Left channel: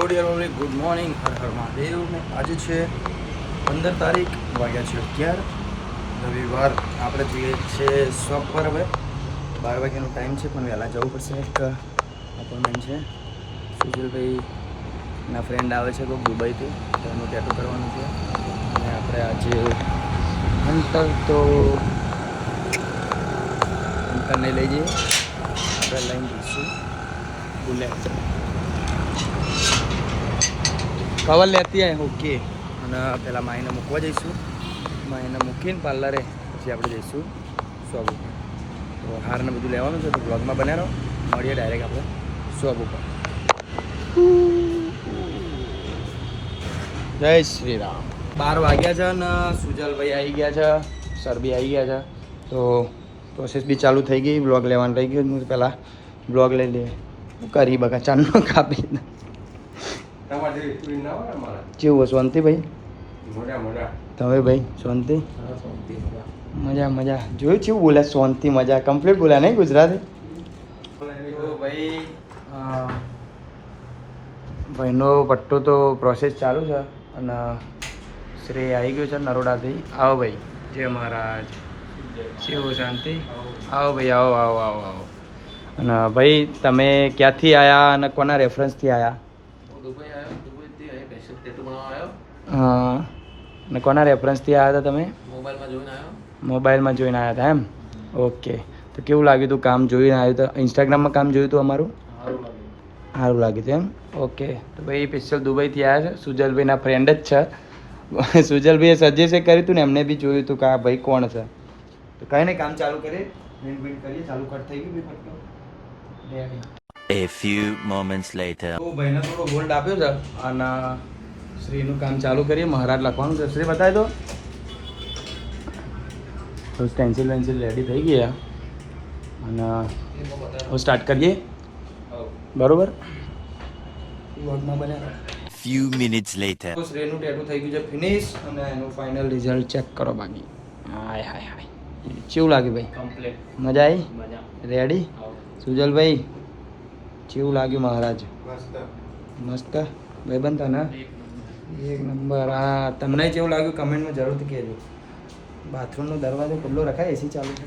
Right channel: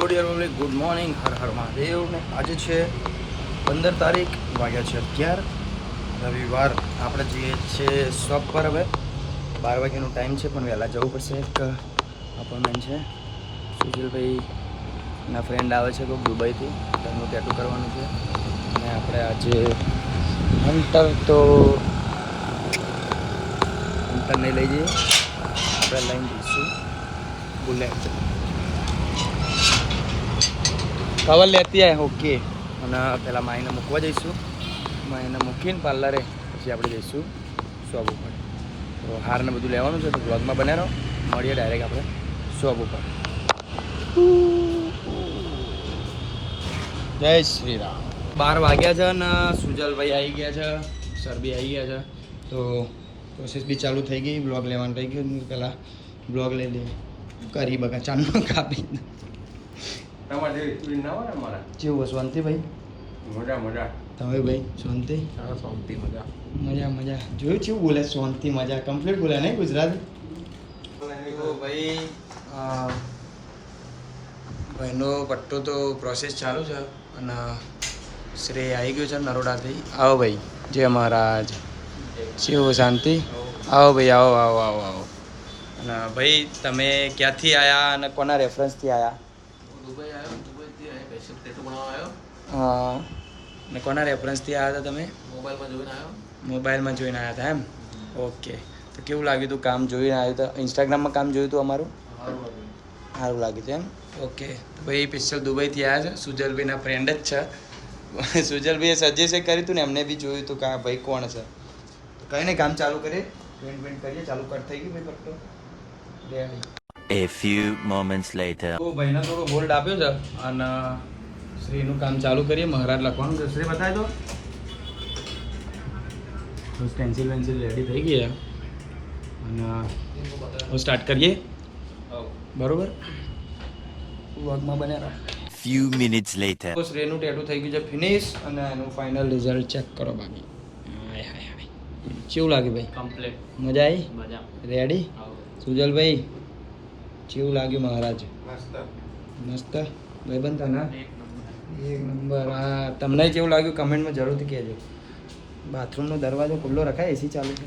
Dear public good morning Har Har Mahadev ને આજે છે પંદર તારીખ, વાગ્યા છે અગિયાર. રવિવાર. આપણે જઈએ છીએ શોપ પર હવે. બાર વાગ્યાનો ટાઈમ છે, પણ વહેલા જવું પડશે. એક અપોઇન્ટમેન્ટ છે. સુજલભાઈ ના ફ્રેન્ડ આવે છે કોઈક દુબઈથી. તો એનું કરવાનું છે. અને આપણે આજે હન્ટર તો હન્ટરને લઈ જઈએ. આપણે લઈને જઈશું. બુલેટ કવર લેતી આવે ઓકે અને પહેલાં માઈને મૂકવા જઈશું. માઈને મૂકીને પાર્લરે પછી આપણે જઈશું શોપ ઉપર. તો હારને બધું લેવાનું છે, તો બ્લોગમાં બને રહો. મળીએ ડાયરેક્ટ આપણે શોપ ઉપર. જય શ્રી રામ. બાર વાગ્યા છે ને સુજલભાઈ આવી ગયા છે સર બી આવી ગયા છે. તો પ્રોસેસ બી ચાલુ થઈ ગઈ બ્લોગ લેવાનું થઈ ગયું. પહેલાં બ્લોગ લઈ લઈએ કરી બગા ચાંદનો કાપી તમારે જેવી ના હોય કેવું શાંતિ ભાઈ. મજા મજા. તમે ભાઈ શાંતિ? શાંતિ મજા. મજા મજા. જોયું કેવું બોલ્યા શાંતિ મજા. કમ્પ્લીટ બોલ્યા નહીં ગુજરાતી? ભાઈ ભાઈનો પટ્ટો તો પ્રોસેસ ચાલુ છે અને શ્રેય આવી ગયો છે નરોડાથી. આવો ભાઈ જય મહારાજ. શિવ શાંતિ? આવો ભાઈ આવો આવો આવો આવો. અને ભાઈ તમે ક્યાંથી આવ્યા અને કોના રેફરન્સથી આવ્યા દુબઈ આવ્યો? દુબઈથી આવ્યો? ટેટુ હમ. અને કોના રેફરન્સથી આવ્યા હતા તમે? મોબાઈલમાં જોઈને આવ્યો. મોબાઈલમાં જોઈને આવ્યા હતા એમ? ઓકે. તો કેવું લાગ્યું હતું કામ જોઈને આવ્યું તો? ઇન્સ્ટાગ્રામમાં કામ જોયું હતું અમારું? સારું લાગ્યું. હતું એમ? ઓકે. તો ભાઈ સ્પેશિયલ દુબઈથી આવ્યા છે. સુજલભાઈના ફ્રેન્ડ જ છે. સુજલભાઈએ સજેસ્ટ કર્યું હતું ને એમને બી જોયું હતું કે આ ભાઈ કોણ છે. તો કાંઈ નહીં કામ ચાલુ કરીએ. પેન્ટ પેન્ટ કરીએ. ચાલુ કટ થઈ ગયું ભાઈ ફટકો ready A few moments later. તો ભાઈને થોડો હોલ્ડ આપ્યો છે અને શ્રીનું કામ ચાલુ કરીએ. મહારાજ લખવાનું છે. શ્રી બતાવી દો. તો સ્ટેન્સિલ વેન્સિલ રેડી થઈ ગયા અને હું સ્ટાર્ટ કરીએ. બરોબર? વર્કમાં બન્યા ફ્યુ મિનિટ્સ લેટર તો શ્રેયનું ટેટુ થઈ ગયું છે ફિનિશ અને એનું ફાઇનલ રિઝલ્ટ ચેક કરો બાકી. હાય હાય હાય. કેવું લાગ્યું ભાઈ? કમ્પ્લીટ મજા આવી મજા. રેડી સુજલભાઈ? કેવું લાગ્યું મહારાજ? મસ્ત. મસ્ત? બનતા ને એક નંબર. આ તમને કેવું લાગ્યું? કમેન્ટમાં જરૂરથી કહેજો. બાથરૂમનો દરવાજો ખુલ્લો રખાય એસી ચાલુ છે.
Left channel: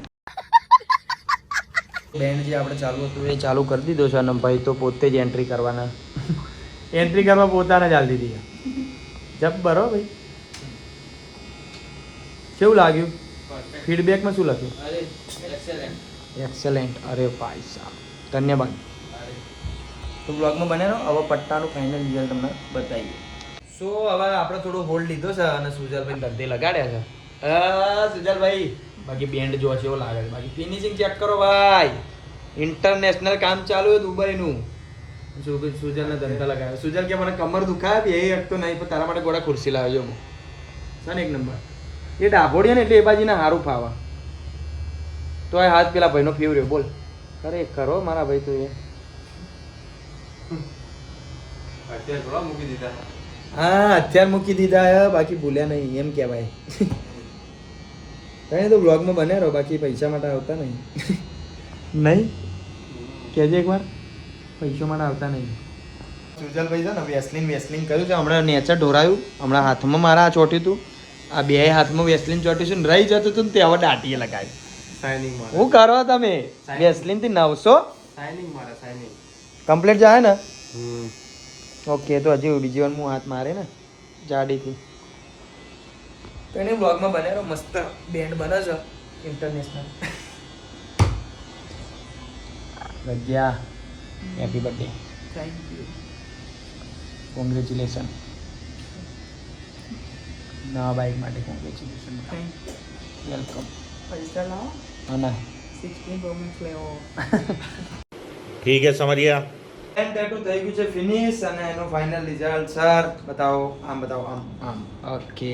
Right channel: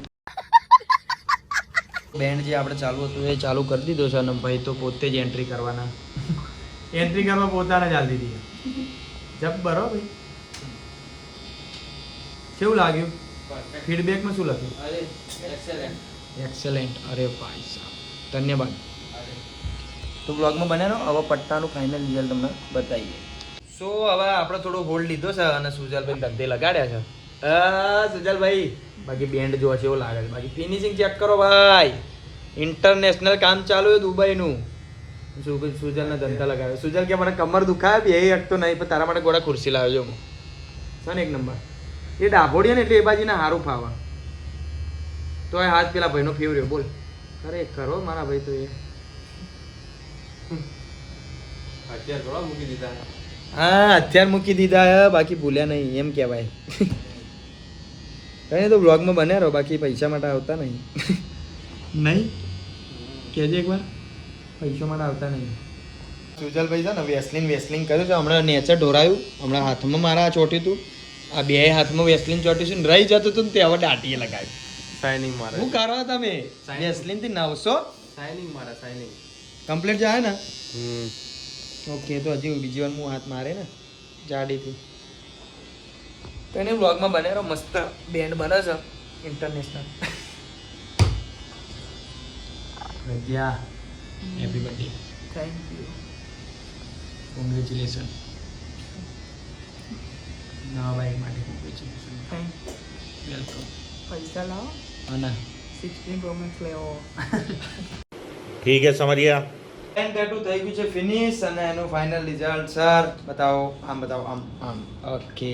બેન્ડ જે આપણે ચાલુ હતું એ ચાલુ કરી દીધો છે અને ભાઈ તો પોતે જ એન્ટ્રી કરવાના. એન્ટ્રી કરવા પોતાને જ હાલી દીધી જબ બરો ભાઈ. કેવું લાગ્યું? ફીડબેકમાં શું લખ્યું? એક્સેલેન્ટ એક્સેલેન્ટ અરે ભાઈ સાહેબ ધન્યવાદ. તો બ્લોગમાં બને રહો. હવે પટ્ટાનું ફાઇનલ રિઝલ્ટ તમને બતાવીએ. સો, હવે આપણે થોડું હોલ્ડ લીધો છે અને સુજલભાઈ ધંધે લગાડ્યા છે. સુજલભાઈ, બાકી બેન્ડ જોવા છે એવું લાગે છે. બાકી ફિનિશિંગ ચેક કરો ભાઈ. ઇન્ટરનેશનલ કામ ચાલુ છે દુબઈનું. સુજલ સુજલને ધંધા લગાવ્યો સુજલ કે, મને કમર દુખાય, બે એક નહીં, પણ તારા માટે ગોળા ખુરશી લાવ્યો હું. એક નંબર? એ ડાભોડીએ ને એટલે એ સારું ફાવા. તો હાથ પેલા ભાઈનો ફેવરેટ, બોલ. ખરે ખરો મારા ભાઈ તો એ. અત્યારે થોડા મૂકી દીધા. હા અત્યાર મૂકી દીધા હે, બાકી ભૂલ્યા નહીં એમ કહેવાય. કઈ તો બ્લોગમાં બન્યા રહો બાકી પૈસા માટે આવતા નહીં. નહીં? કહેજે એકવાર પૈસા માટે આવતા નહીં. સુજલભાઈ છે ને વેસલિન વેસલિન કર્યું છે હમણાં નેચર ઢોરાયું હમણાં હાથમાં મારા ચોટ્યું હતું આ બે હાથમાં વેસલિન ચોટ્યું છે ને રહી જતું હતું ને તે હવે દાટીએ લગાવ્યું સાઇનિંગ મારે. હું કરો તમે? વેસલિનથી નવસો? સાઇનિંગ મારે સાઇનિંગ કમ્પ્લીટ જાય ને હમ ઓકે તો હજી બીજી વાર હું હાથ મારે ને જાડીથી તો એને બ્લોગમાં બનાવ્યો મસ્ત બેન્ડ બને છે international રજ્યા happy birthday thank you congratulation નવા બાઇક માટે કોંગ્રેચ્યુલેશન થેન્ક વેલકમ પૈસા લાવો આના સિક્સટીન પ્રોમેક્સ લેવો ठीक है समझ गया ટેટુ થઈ ગયું છે ફિનિશ અને એનું ફાઇનલ રિઝલ્ટ સર બતાવો આમ બતાવો આમ આમ. ઓકે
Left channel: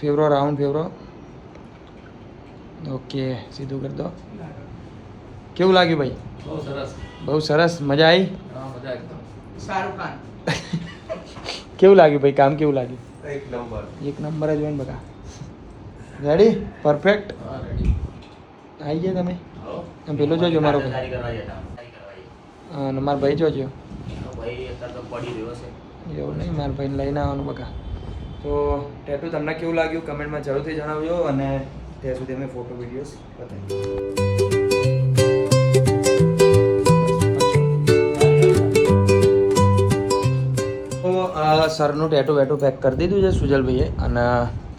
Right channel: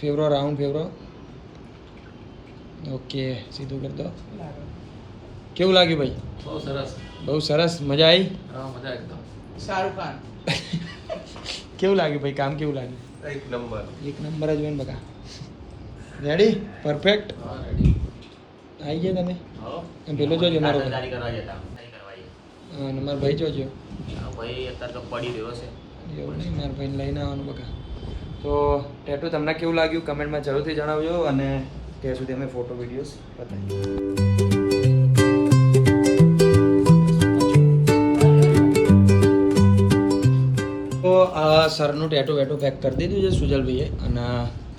ફેવરો રાઉન્ડ ફેવરો ઓકે સીધું કરી દો. કેવું લાગ્યું ભાઈ? બહુ સરસ. બહુ સરસ મજા આવી મજા એકદમ. સારું કામ. કેવું લાગ્યું ભાઈ કામ કેવું લાગ્યું? એક નંબર. એક નંબર જ હોય ને બધા. રેડી પરફેક્ટ રેડી આવી ગયા તમે. આમ પેલો જોજો મારો ભાઈ હા, અને મારો ભાઈ જોજો. એવું નહીં મારા ભાઈને લઈને આવવાનું બકા. તો ટેટુ તમને કેવું લાગ્યું? કમેન્ટમાં જરૂરથી જણાવજો અને ત્યાં સુધી અમે ફોટો વિડીયોઝ બતાવીએ. તો આ સરનું ટેટુ વેટુ પેક કરી દીધું છે સુજલભાઈએ અને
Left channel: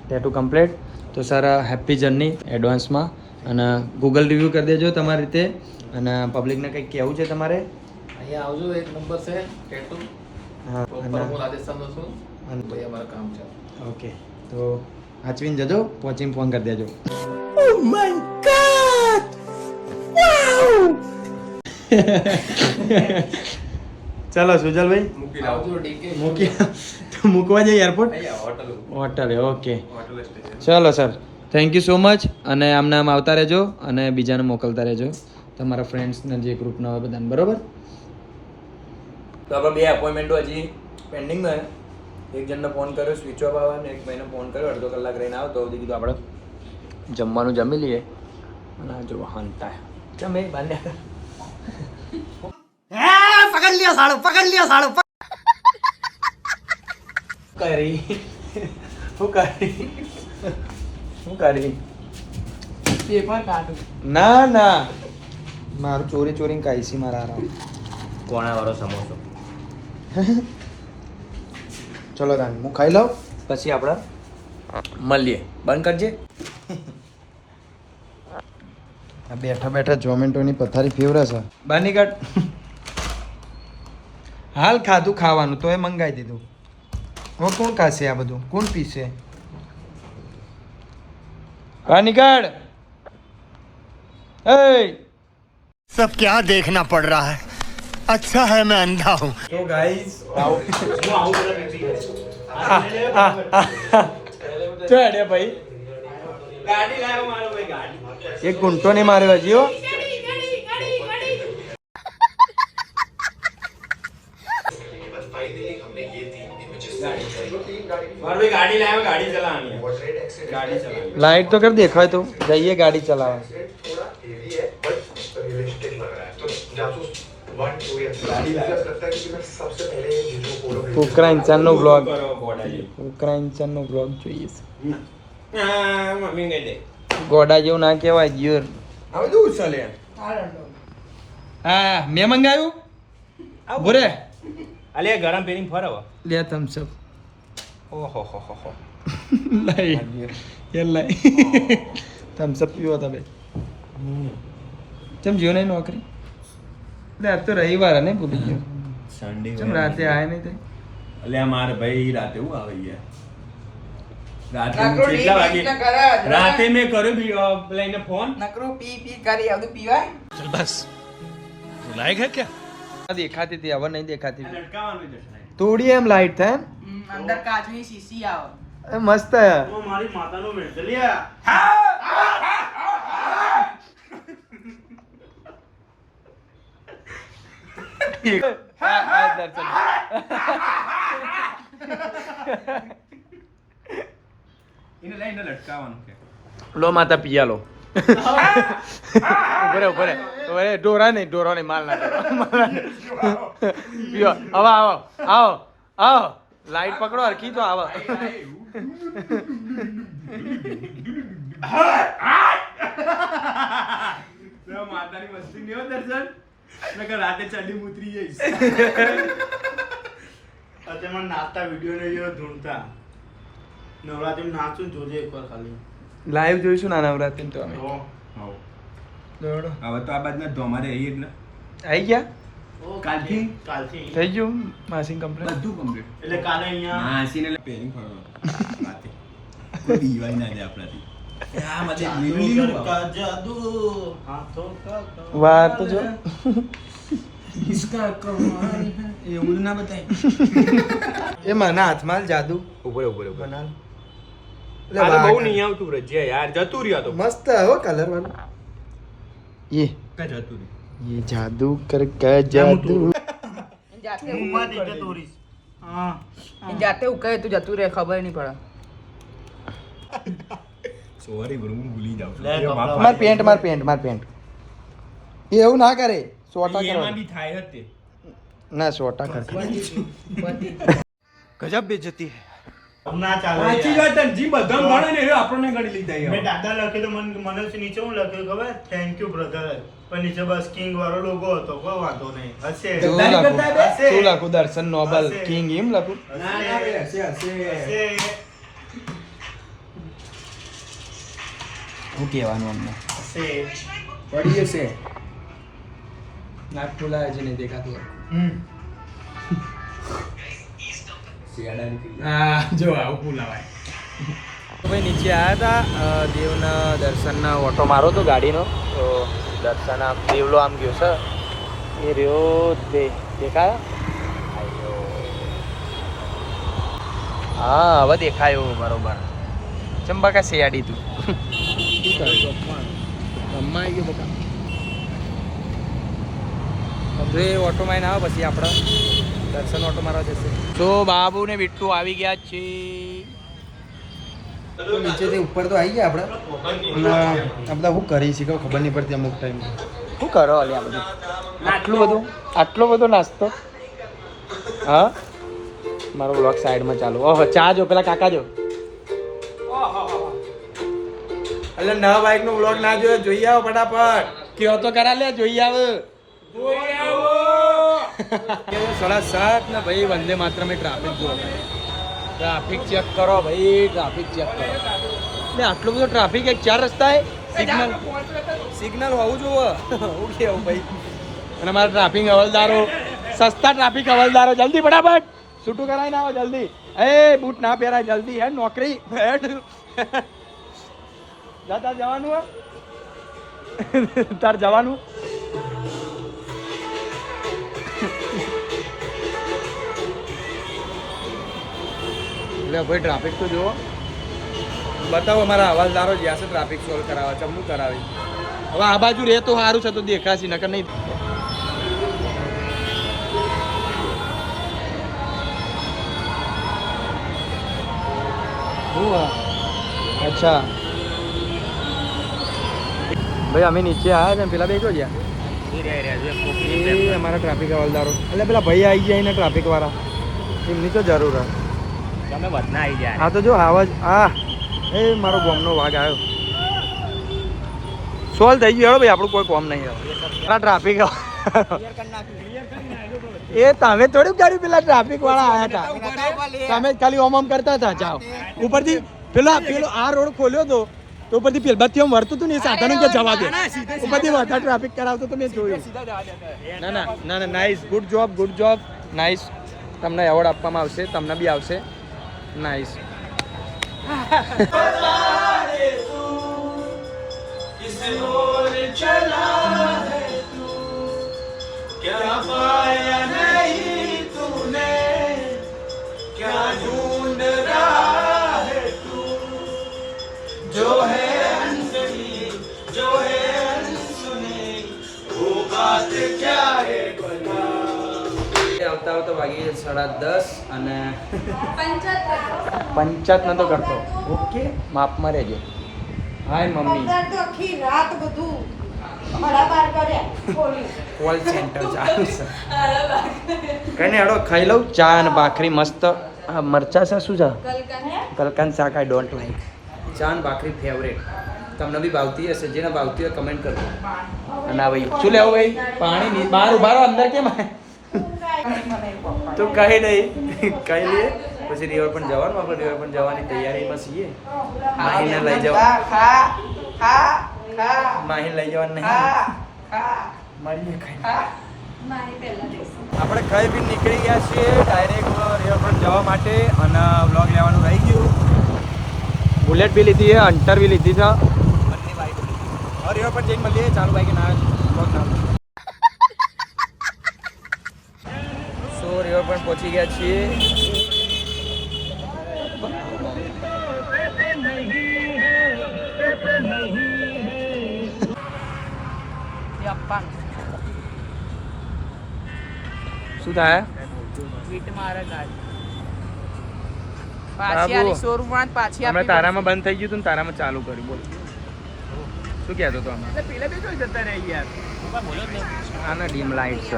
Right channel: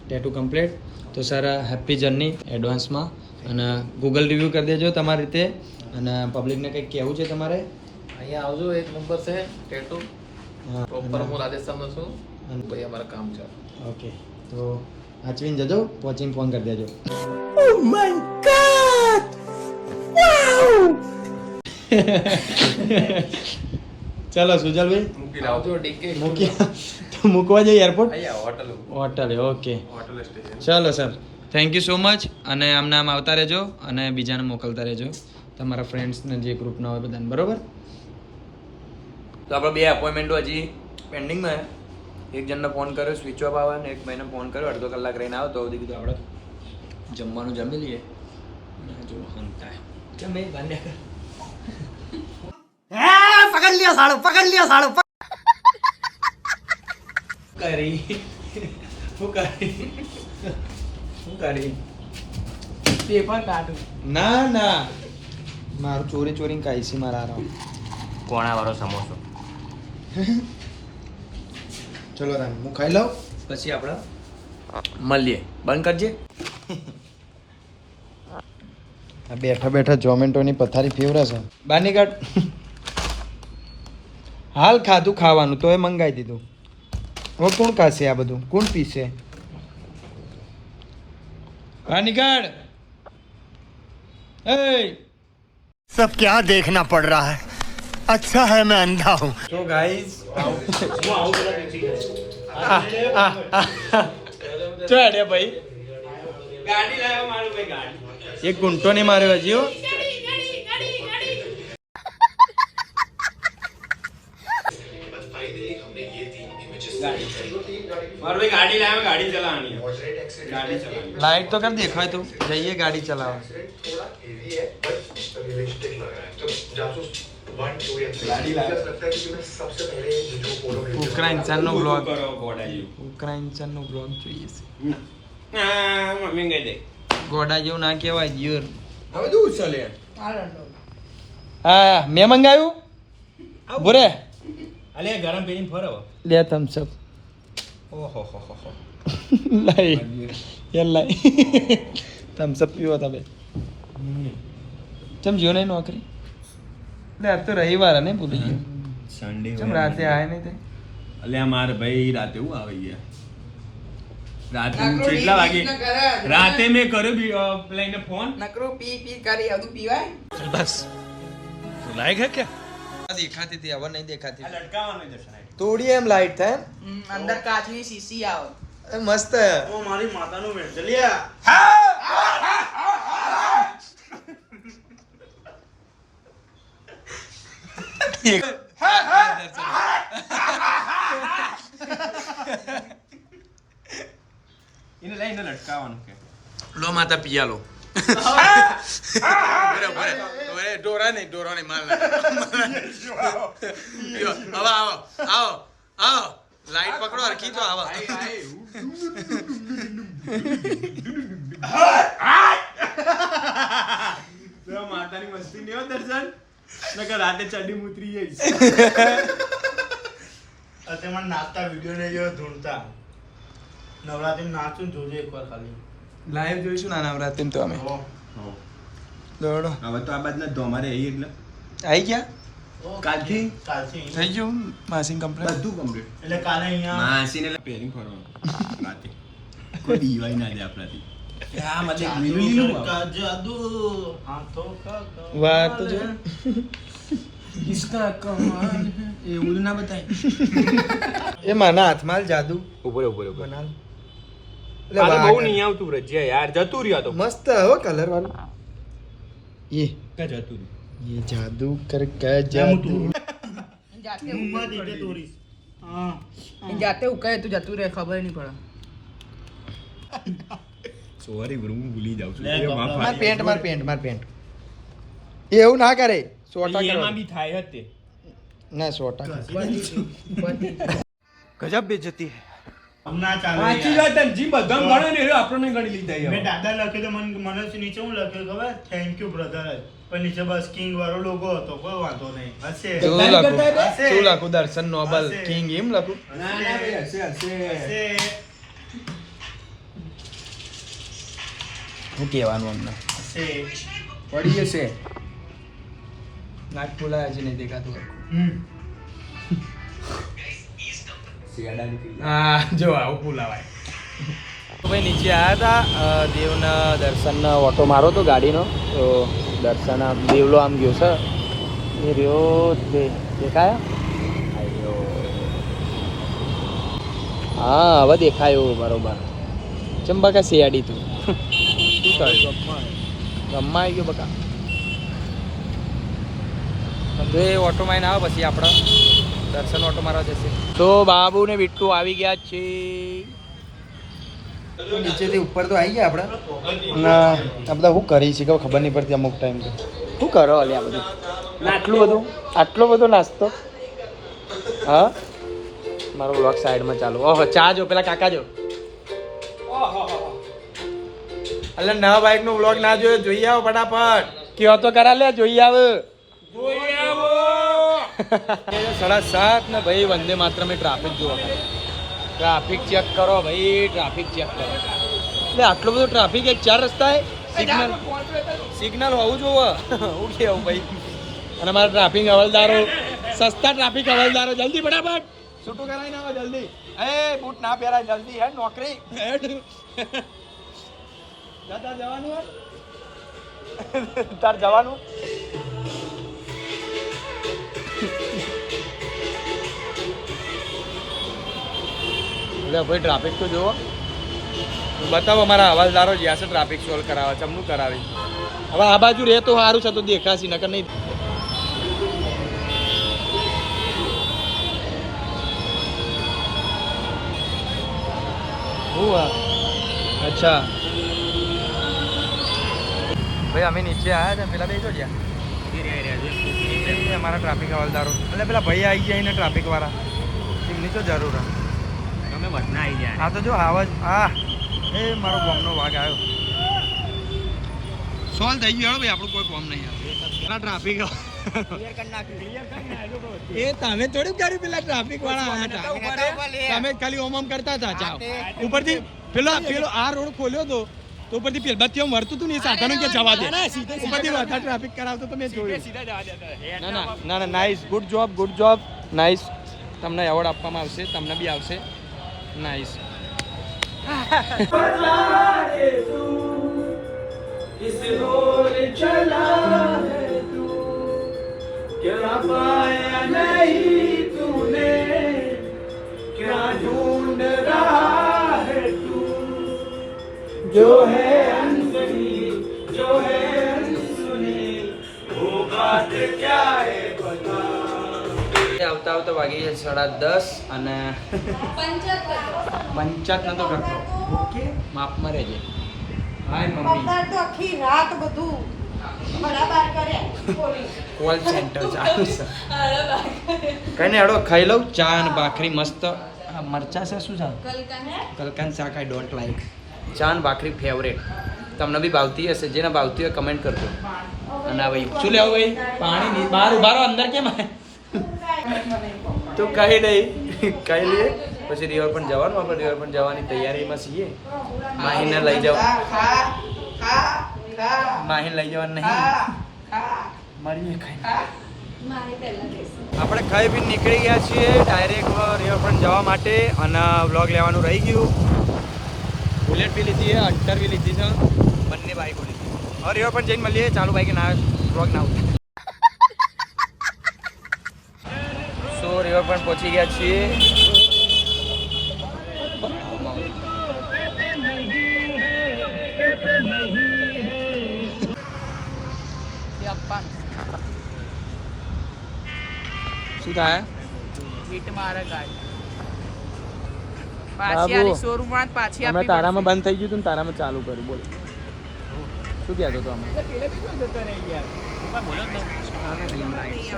ટેટુ કમ્પ્લીટ તો સર હેપી જર્ની એડવાન્સમાં અને ગૂગલ રિવ્યૂ કરી દેજો તમારી રીતે. અને પબ્લિકને કંઈક કહેવું છે તમારે? અહીંયા આવજો એક નંબર છે ટેટુ હા, પ્રોપર હું રાજસ્થાનનો છું. અને- ભાઈ અમારું કામ છે. ઓકે તો આચવીને જજો પહોંચીને ફોન કરી દેજો. ચાલો સુજલભાઈ. મૂકી આવજો ડીકે. મૂકી મૂકવા જઈએ એરપોર્ટ અહીંયા હોટલ હોટલે ઓકે. ચાલો sir thank you so much અને આમને આમ આવતા રહેજો અને બીજાને મોકલતા રહેજો. તમારા ફ્રેન્ડ્સને જે ગ્રુપનો હોય બધાને બરાબર? તો આપણે બે એપોઇન્ટમેન્ટો હજી પેન્ડિંગમાં એક જણને ફોન કર્યો સ્વિચ ઓફ આવે અને એક ભાઈને ફોન કર્યો અડધો કલાક રહીને આવ્યો તો કીધું આપણે જમવાનું જમી લઈએ. અને જો હંતા જમે ભાલ્યા પકડ લ્યો સાળો પકડ લ્યો સાળો કરી. હું કરી. શું કરી પેપર કાઢું ના ના. મારું ચોરી ચોરી કાઈસી મારા આરામ કોણા વાળો સમોસો. ચલો તાન હું ખાઈ લઉં? પછી આપણે મળીએ. બંધ કરજે. આ બેઠો બેઠો ઝોમેટોની પથારી ફેવરે છે. બાની કાઢ હાલ ખાધું ખાવાનું તો એ મંગાવી દીધું. હું કોણ ખાશે આ બધું? કોણ પીશે? कहा सब क्या देखना पड़ रहा है। अच्छा है मैं अंधा हूँ। तो गाइस हाँ, हाँ, हाँ। भाई। गाड़ी लाया मारो भाई गाड़ी। ये गुंटो नहीं मारे भाजी हो લાઈટ તો કર દેખાય તો? જઈએ ગાડી ચલાવે કુકરા ઇન્સાનનો બ્લોગ કુકરા ઇન્સાનનો બ્લોગ જોઈએ છે. ગોડા જેવું ના કહેવાય જીવર હવે દૂર ચાલે હા મેં મંગાવ્યું? બોરે અલે ગરમ પેરી ફરવ બે થમ્સઅપ ઓહો હો હો હો લઈ યાર લઈ થમ્સઅપ પીવો તમે ચમ જીઓ નહીં નોકરી એટલે આજ તો રવિવાર ને ભૂલી ગયો સન્ડે ચમ રાતે આવે નહીં તે એટલે મારે ભાઈ રાતે હું આવે યાર રાતે કેટલા વાગે રાતે મેં કર્યો પેલા એને ફોન નકરો પી પી કરી આવતું પીવાય બસ લાયક હે ક્યા દેખાતી હતી નહીં દેખાતી થોડી એમ લાઈટ થાય હમ, અંદર કાચની શીશી આવે એ મસ્ત મારી માતાનું મેન્ટલિયા એને લઈને લટકાવાનું કે લો માતા પિયા લો ઉભરે ઉભરે ઉભરે ઢોરા નહીં ઢોરો નહીં માલ ના કરો માલ ના કરો. પીઓ આવો આવો આવો આવો લાઈટ પકડો હરખી તો આવો માતાની મસ્તી નહીં દર્શન નકર રાતે ચડી ઉતરી જઈશ અત્યારે નાચતા વીડિયો નહીં જેવો ધૂણતા નવરાત્રી નાચું જોજે એકવાર ખાલી લાઈવ જોઈશું ના નવરાત્રી તો અમે. દોડો. હવે તો આ બાજુ ધોમારે આવી એટલે. આવી ગયા? કાલથી? કાલથી. થઈ ગયું માસિંગ કમ્પ્લેટ બધું કમ્પ્લીટ એટલે કાલે અહીંયા માસીને પહેરી ફરવાનું. રાતે. કોઈ બીવાય ના દે આપણાથી. આ મતે જાદુ લીલું કા જાદુ. હાથો કા કા- વાર તો જો. કિસકા કમાલ હે એવું ના બતાય. એ મને હાથમાં જાદુ. ઉપર ઉપર ઉપર. બનાલ. એટલે બહુ નહીં આવતું રજ્યા યાર જતું રહ્યા તો મસ્ત હો કલર વાળું ये કે જતું રહ્યું ये जादू कर के जादू ઈ જાતે હું ઉકળે માં રીતે તોડીશ હા ઈ જાતે ઉકળે તું જતું રહે ખબર નહીં પડે સોરી બ્રો હું ભૂલી જાઉં છું લે, એ માફ માર પેન્ટ માર પેન્ટ માર પેન્ટ એવું ના કરે સોટા એમાં કરો બી થાય જ તે ના સોટા કરે ગજબ બેજતી ના ચાલે સાચી વાત જી બધા ગણે ને એ આપણને ગણી લીધા મેં. દાદા લખ્યું તો મને મને નીચે હું લખ્યું ખબર? થેન્ક યુ બ્રધર પણ નીચે બસ કિંગ વાળો લોગો હતો કોઈ વાંધો નહીં. હશે. શું લખું? દર્શન નોબલ કિંગ એમ લખું? ના ના હશે હશે. હશે. શું કહેવાનું અમને હશે. પડી જશે નાક ખોલાય છે નહીં દેખાતું હમ. હા જો આવું બોલાવાય. ભાઈ નીચે આવ્યા હતા દેવના દર્શન ઓટો મારો હતો ગાડીનો? તો દર્શન આમ દેવલો આમ ગયો છે. હા હવે દેખાયો બરોબર. ચંબા કા શિયાળી તું? શું કર્યું ગમમાં આવી ગયો બકા. હવે ઓટો માઇન આવે પછી આપણે દર્શન ઓટો મારવા જશે. તો બાબુ ને બિટ્ટુ આવી ગયા છે. તો નીચેથી ઉપર તો આવી ગયા આપણે. અને આ બધા હું કરી છે? ખબર નહીં પડતી અમુક ટાઈમ શું કરો આટલું બધું? આટલું બધું. આટલો બધો નાસ્તો? હા? મારો વ્લોગ સાઈડમાં ચાલુ. ઓહો ચા જો પેલા કાકા જો. એટલે નવા બાઈક નો બ્લોગ ના જોયો? જોઈ આવો ફટાફટ. કયો તો કરા લે જોઈ આવ. સાડા સાત ને ભાઈ વંદે માત્ર મેં ટ્રાફિક જુઓ. ટ્રાફિક ચેક કરો ભાઈ, ટ્રાફિક ચેક કરો. એટલે આટલો બધો ટ્રાફિક એક ચાર રસ્તા સિગ્નલ. સિગ્નલ હોવું જોવે હું કેવું ભાઈ? અને મારા ટ્રાફિક હવલદારો, સસ્તા ટ્રાફિક હવલદારો, જલ્દી ફટાફટ. છૂટું કરાવીને આવો જલ્દી. એ, બૂટ ના પહેરાય, જલ્દી. હે, નોકરી. તાર જવાનું હોય તાર જવાનું? એટલે ભાઈ ટ્રાફિક તો જુઓ. બતાવો અમારા હવાલદારો જ્યાં છે ટ્રાફિક સોલ્વ કરાવે છે અમનું કરાવી. હવે આ બાજુ રહે તો સારું છે તો દેખાશે નકર નહીં? અચ્છા. ભાઈ અમે નીચે આવ્યા ને પેલા દેખો જ્યાં. મારા ટ્રાફિક હવાલદારો. એટલે પેલા ભાઈ આવી જાય ને ટ્રાફિક વાળા. એમની તો જરૂર હે તમે વધના આવી ગયા હા તો જો આવાજ આ. એ મારો બોમનો વાઘ આવ્યો. સોલ્વ થઈ ગયો હેડો ભાઈ આપણું કોઈ કોમ નહીં હવે. ટ્રાફિક એ તમે થોડું કર્યું પેલા ટ્રાફિક વાળા આવ્યા હતા. તમે ખાલી ઓમ ઓમ કરતા હતા ચાઓ ઉપરથી પેલો પેલો આ રોડ ખોલ્યો તો તો પછી પેલ બત્તી આમ વરતું હતું ને એ સાધનો કે જવા દે. ઉપરથી વધારે ટ્રાફિક કરાવતો તો મેં જોયું. ના ના ના ના nice good job good job nice તમને એવોર્ડ આપવામાં આવશે તમને બી આવશે. નાઇસ આવતા આવતા વાગી છે સાડા દસ અને પંચાત નતો કરતો. ઓકે. માપમાં રહેજે. Hi mummy. તો આખી રાત બધું બરાબર કર્યા બોલી. કોલ સેન્ટર ચાલુ છે. કઈ હેડો ખાઈ લઉં. ચા અને ભાખરી મસ્ત. આ મરચા છે શું છે કલકન શાક આઈ ડોન્ટ લાઈક ચા અને ભાખરી ફેવરેટ તમને બી ભાવતી હશે જેને ભાવતી હોય કમેન્ટ કરજો. અને આ ભાઈ શું લેવું ભાઈ? પાણી બહાર ઊભા રહો અંદર કેમ આય? તો કઈ નહીં કઈ લઈએ. પછી રિવર પણ જવાનું આપણે રિવર પણ જવાની તૈયારીમાં છીએ. માહીને લઈ જાવ ખા ખા ખા માહીને લઈ જવાનું નહીં. મળીએ ખાઈ. આપણે કઈ બી નીકળી ગયા છીએ ડાયરેક્ટ રિવરફ્રન્ટ જવા માટે અને વ્લોગ લેવાનું રહી ગયું. બુલેટ બી લીધી છે અંટર બી લીધી છે. બંને બાઈકો લીધી હવે રિવરફ્રન્ટ જઈને મળીએ. ચાલુ બાઈક ના વ્લોગ ના આવતી સો રિવરફ્રન્ટ પહોંચી ગયા છીએ. શું થાય? હમણાં તારામાં બંધ થઈ ગયું તું તારામાં ચાલુ કર્યું બોલ. શું કહેતો તો આના ડીમ લાઈટ છે.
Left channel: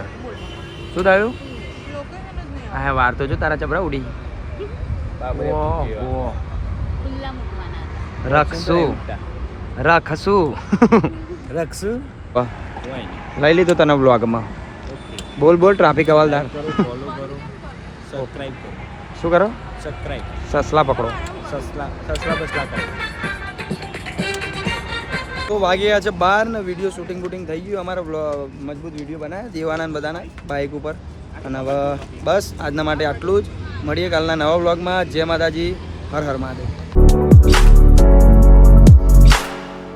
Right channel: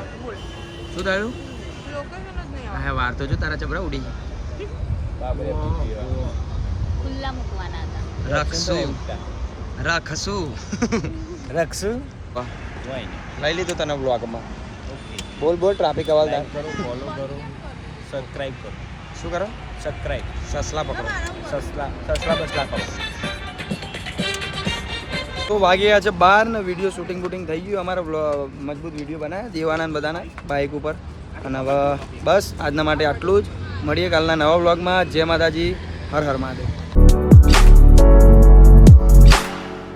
શું થયું? લોકેશન જ નહીં આ વાર તો જો તારા ચબરા ઉડી. ઓહો ખુલ્લા મૂકવાના હતા. રખશું રખશું રખશું વાહ, હોય નહીં. લઈ લીધો તને બ્લોગમાં ઓકે. બોલ બોલ ટ્રાફિક હવાલદાર. કરો ફોલો કરો. સબસ્ક્રાઇબ કરો. શું કરો? સબસ્ક્રાઇબ સસલા પકડો. સસલા સસલા બસલા કરો. તો વાગ્યા ગયા છે બાર ને વીડિયો શૂટિંગ બુટિંગ થઈ ગયું. અમારા મજબૂત વીડિયો બનાવ્યા દેવાના બધાના. બાઇક ઉપર. અને હવે બસ આજના માટે આટલું જ. મળીએ કાલના નવા બ્લોગમાં જય માતાજી. હર હર મહાદેવ.